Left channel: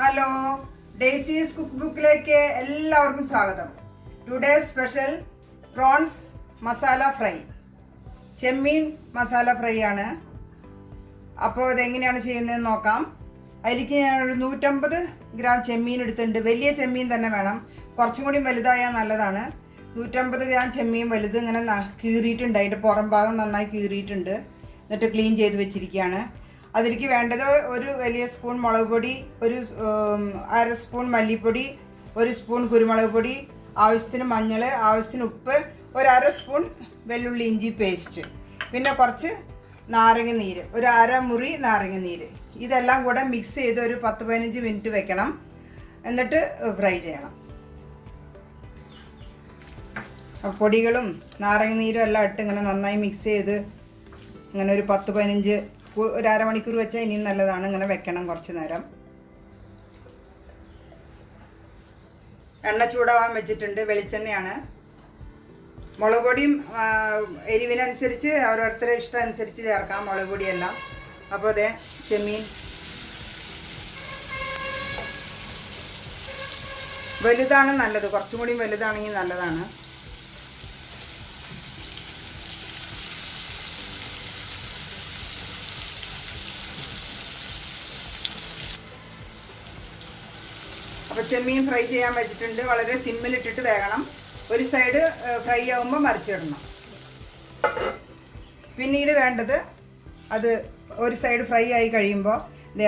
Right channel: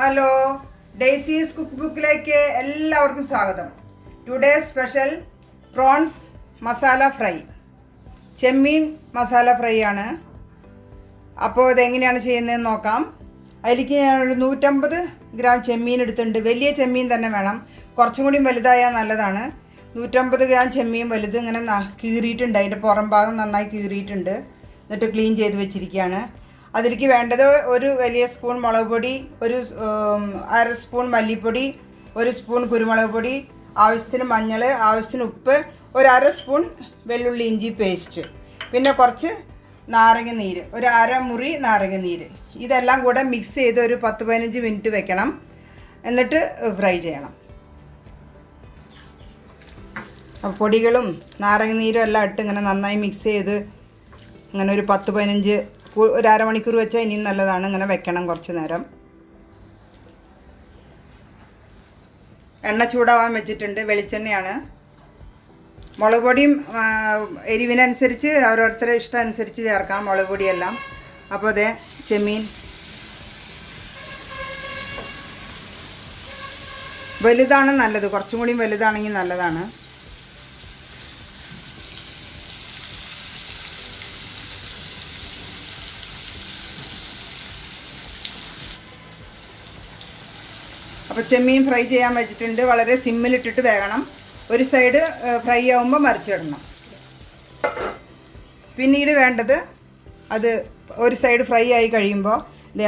Hello, ഡെയ്സീസ് cook ബുക്കിലേക്ക് എല്ലാവർക്കും സ്വാഗതം. Today special prawns masala fry, ചെമ്മീൻ masala fry ആണ്. അപ്പോൾ ഇതെങ്ങനെയാണ് ചെയ്യുന്നതെന്ന് നോക്കാം. അതിലേക്ക് ഞാനൊരു 150 ഗ്രാം ചെമ്മീൻ എടുത്തിട്ടുണ്ട്. വലിയ ചെമ്മീൻ തന്നെ വേണം, കുറച്ചും കൂടി വലുതായാൽ നല്ലതാണ്. 150 ഗ്രാം ചെമ്മീൻ വലുത് ഇങ്ങനെ കീറിയിട്ടുണ്ട്, അതിൻ്റെ പുറം ഭാഗം നന്നായി കീറിയിട്ടുണ്ട്. എന്നിട്ട് ക്ലീൻ ചെയ്ത് വെച്ചിരിക്കുകയാണ്. അതിലേക്ക് വേണ്ടത് ഒരു വലിയ സ്പൂൺ മുളക് പൊടി, ഒരു അര സ്പൂൺ മല്ലിപ്പൊടി, ഒരു സ്പൂൺ കുരുമുളക് പൊടി, ആവശ്യത്തിന് മഞ്ഞൾ, ആവശ്യത്തിന് ഉപ്പ്, ഒരു അര സ്പൂൺ വെള്ളുള്ളി ഇഞ്ചി പേസ്റ്റ്, പിന്നെ കുറച്ച് നാരങ്ങ നീര്, ഒരു അരമുറി നാരങ്ങ നീര്. ഇതെല്ലാം കൂടെ മിക്സ് ചെയ്ത് ഒരു 10-15 മിനിറ്റ് വെക്കണം. എന്നിട്ട് ഫ്രൈ ചെയ്യണം. പൊടികളും നാരങ്ങ നീരും എല്ലാം ഇട്ട് ഇങ്ങനെ നന്നായി മിക്സ് ചെയ്ത് ഇങ്ങനെ ഒരു 10-15 ഒരു അരമണിക്കൂർ വെച്ചാൽ ഇനിയും നല്ലതാണ്. ഇങ്ങനെ വെക്കണം കുറച്ച് നേരം. എണ്ണ ചൂടാവാൻ വെച്ചിട്ടുണ്ട്, വെളിച്ചെണ്ണയാണ്. മുളക് പൊടിയും എരിവിനനുസരിച്ച് ഓരോരുത്തരുടെ ഇഷ്ടം അനുസരിച്ച് ചേർക്കാം മുളക് പൊടിയെല്ലാം. അപ്പോൾ അതെ, ചെമ്മീൻ വലുതാണ് നല്ലത്, കുറച്ചും കൂടി വലുതാണെങ്കിൽ നല്ലതാണ്. അപ്പോൾ ചെമ്മീൻ ഫ്രൈ ചെയ്യാൻ വെച്ചിട്ടുണ്ട്. വളരെ സിമ്മിലിട്ടിട്ട് വേകണം. ഒരു സൈഡ് ഫ്രൈ ആകുമ്പോൾ മറിച്ചിടണം. പിന്നീട് വേണ്ടത് അത് ഒരു സൈഡ് ഫ്രൈ ആയി കഴിയുമ്പോൾ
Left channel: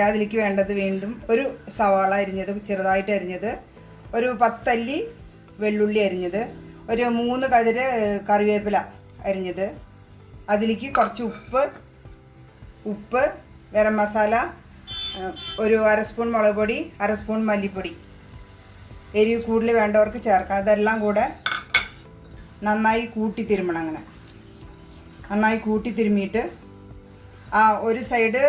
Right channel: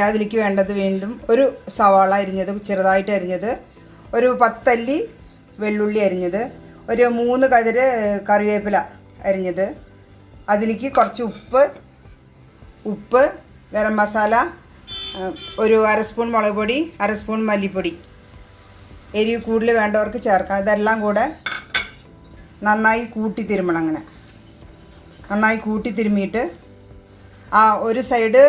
അതിലേക്ക് വേണ്ടത് വീണ്ടും ഒരു സവാള അരിഞ്ഞത്, ചെറുതായിട്ട് അരിഞ്ഞത്, ഒരു 10 അല്ലി വെള്ളുള്ളി അരിഞ്ഞത്, ഒരു 3 കതിര് കറിവേപ്പില അരിഞ്ഞത്, അതിലേക്ക് കുറച്ച് ഉപ്പ്, ഗരം മസാല, ഒരു അര സ്പൂൺ മുളക് പൊടി, അര സ്പൂൺ മല്ലിപ്പൊടി. എരിവ് കൂടുതൽ വേണ്ടവർക്ക് ചേർക്കാം. ഇതെല്ലാം കൂടെ നന്നായി കൂട്ടി തിരുമണം. അങ്ങനെ നന്നായി കൂട്ടി തിരുമിയിട്ട് ഒരു സൈഡ്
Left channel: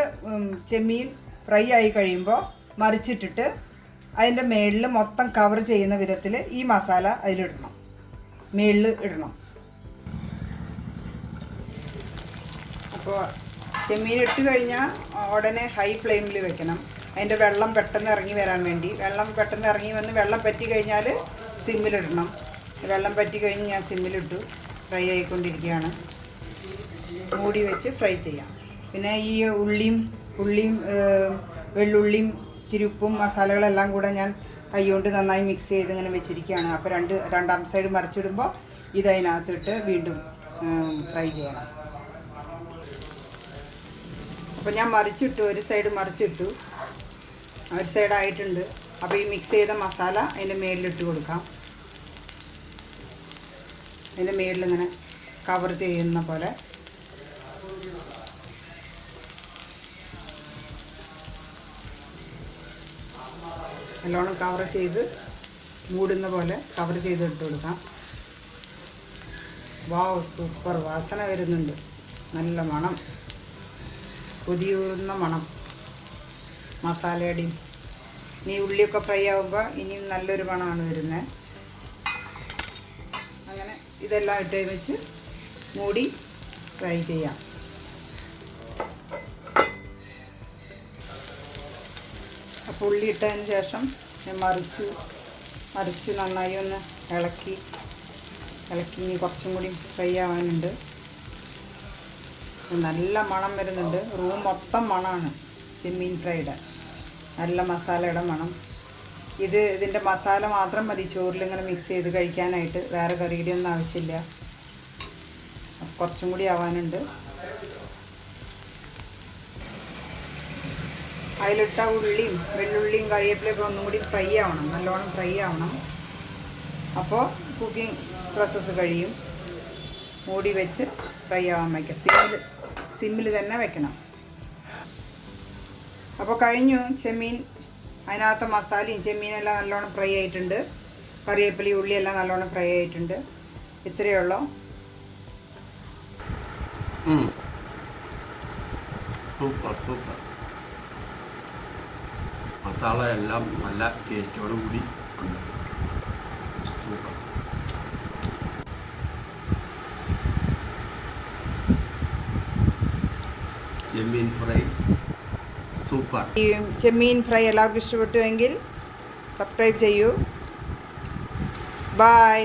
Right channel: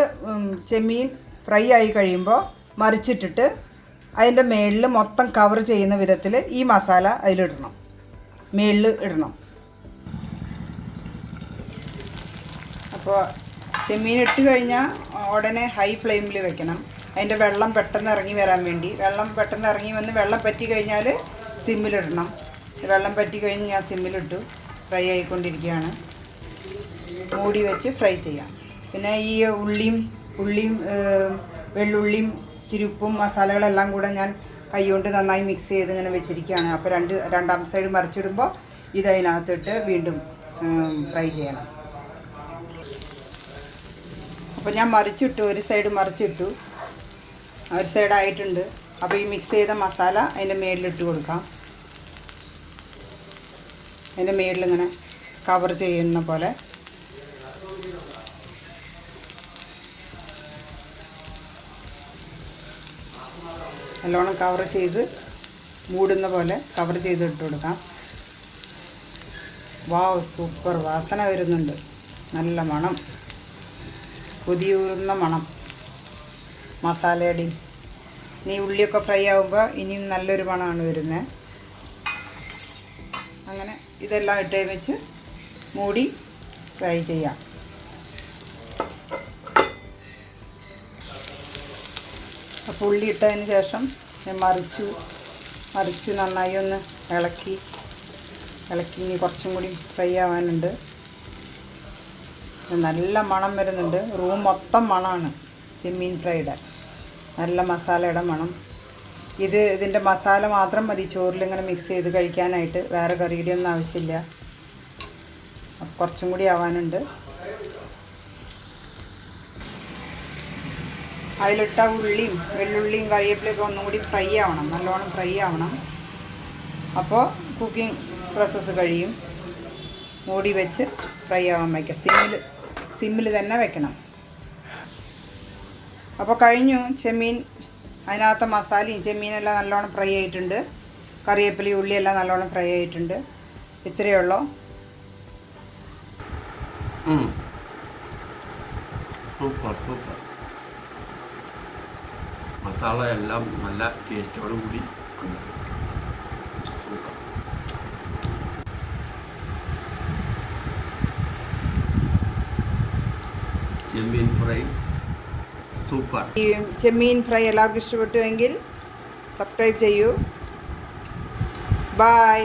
ചെമ്മീൻ ഫ്രൈ ആയി കഴിയുമ്പോൾ മറിച്ചിട്ടിട്ട് അതിൻ്റെ മേളിൽ മൊത്തം കവർ ചെയ്യുന്ന വിധത്തിൽ ഈ മസാല അതിലിടണം, മേളിൽ ഇടണം. അപ്പോൾ ചെമ്മീൻ ഇട്ട് കഴിഞ്ഞാൽ ഉടനെ ഹൈ ഫ്ലെയിമിൽ വെക്കണം. അതിൻ്റെ വെള്ളം പെട്ടെന്ന് ഇറങ്ങി വരാൻ വേണ്ടി. വെള്ളം പെട്ടെന്ന് ഇറങ്ങി വന്ന് വെള്ളം പറ്റി കഴിഞ്ഞാൽ സിമ്മിലിടണം. വെള്ളം പറ്റി കഴിഞ്ഞ് ഞാൻ സിമ്മിലിട്ടു. ഫ്രൈ ആയിക്കൊണ്ടിരിക്കുകയാണ്. മൂടി വെച്ച് ഫ്രൈ ചെയ്യാം. പിന്നെ ഈ ഉള്ളിയും വെള്ളുള്ളിയും ചിരുപ്പും മസാലകളെല്ലാം കൂടെ ഞാൻ കൈകൊണ്ട് നന്നായി മിക്സ് ചെയ്ത് ഇങ്ങനെ വെച്ചിരിക്കുകയാണ്. അപ്പോൾ രണ്ടാം സൈഡ് മറിച്ചിടുമ്പോൾ ഇതിനകത്തിട്ട് വീണ്ടും ഫ്രൈ ചെയ്യണം. അപ്പോൾ ഞാൻ മറിച്ചിട്ടു, ഒരു സൈഡ് മറിച്ചിട്ടു, ഒരു സൈഡായിട്ടുണ്ട്. അപ്പോൾ ഈ മിക്സ് ചെയ്ത മസാല അതിൻ്റെ മേളിലിട്ട് കൊടുക്കാം. അതിൻ്റെ മേളിലിങ്ങനെ കവർ ചെയ്യുന്ന പോലെ. നല്ലോണം കവർ ചെയ്ത് മൂടുന്ന പോലെ കവർ ചെയ്ത് ഇട്ട് കൊടുക്കാം. വാവ്, സൂപ്പർ വാസന വരുന്നുണ്ട്, നല്ല മണം, കൊതിയൂറുന്ന മണം മസാലയുടെയും. ഇനി ഉള്ളിയൊക്കെ ഫ്രൈ ആകുമ്പോൾ ഇനിയും നല്ലൊരു മണമാണ് വരുന്നത്. അങ്ങനെ ഇതെല്ലാം ഇട്ട് വെച്ച് മൂടി ഫ്രൈ ചെയ്യാം. അപ്പോൾ ഉള്ളി ഇട്ടതിന് ശേഷം ഞാൻ മറിച്ച് നന്നായി ഒന്ന് ഇളക്കി ഇനി കുറച്ചും കൂടി ഫ്രൈ ആവാനുണ്ട്. നല്ല മണം വരുന്നുണ്ട്. റൂം മൊത്തം മണമാണ് ചെമ്മീൻ ഫ്രൈയുടെ, നല്ല മസാലയുടെ മണം. ഇതിൻ്റെ മസാല മാത്രം മതി ചോറിലിങ്ങനെ മിക്സ് ചെയ്ത് കഴിക്കാനായിട്ട്. വേറെ കറിയുടെ ഒന്നും ആവശ്യമില്ല. കുറച്ചും കൂടി ആവാനുണ്ട്. അതിലിട്ട ഉള്ളിയും വെള്ളുള്ളിയും കറിവേപ്പിലയൊക്കെ ഒന്നും കൂടി ഫ്രൈ ആവണം, നല്ലോണം ഫ്രൈ ആവണം. അപ്പോൾ കുക്കിംഗ് പ്രോസസ്സ് കഴിയും. മൂടി വെച്ച് ഫ്രൈ ആവാൻ വയ്ക്കാം. സിമ്മിൽ തന്നെ വെക്കണം. അപ്പോൾ കഴിഞ്ഞു ചെമ്മീൻ. അതിനകത്ത് മസാലയും ചെമ്മീനെല്ലാം നല്ലോണം ഫ്രൈ ആയിട്ടുണ്ട്. കറിവേപ്പിലയും ഉള്ളിയെല്ലാം നല്ലോണം ഫ്രൈ ആയിട്ടുണ്ട്. ഇത്രയേ ഉള്ളൂ. Super super. മസാല എല്ലാം നല്ല ടേസ്റ്റോടു കൂടി ഉണ്ട്. സൂപ്പർ. ചെമ്മീൻ ഫ്രൈ സൂപ്പർ. ഈ ചെമ്മീൻ ഫ്രൈ എല്ലാവർക്കും ഇഷ്ടപ്പെട്ടുവെങ്കിൽ സബ്സ്ക്രൈബ് ചെയ്യൂ. ബൈ.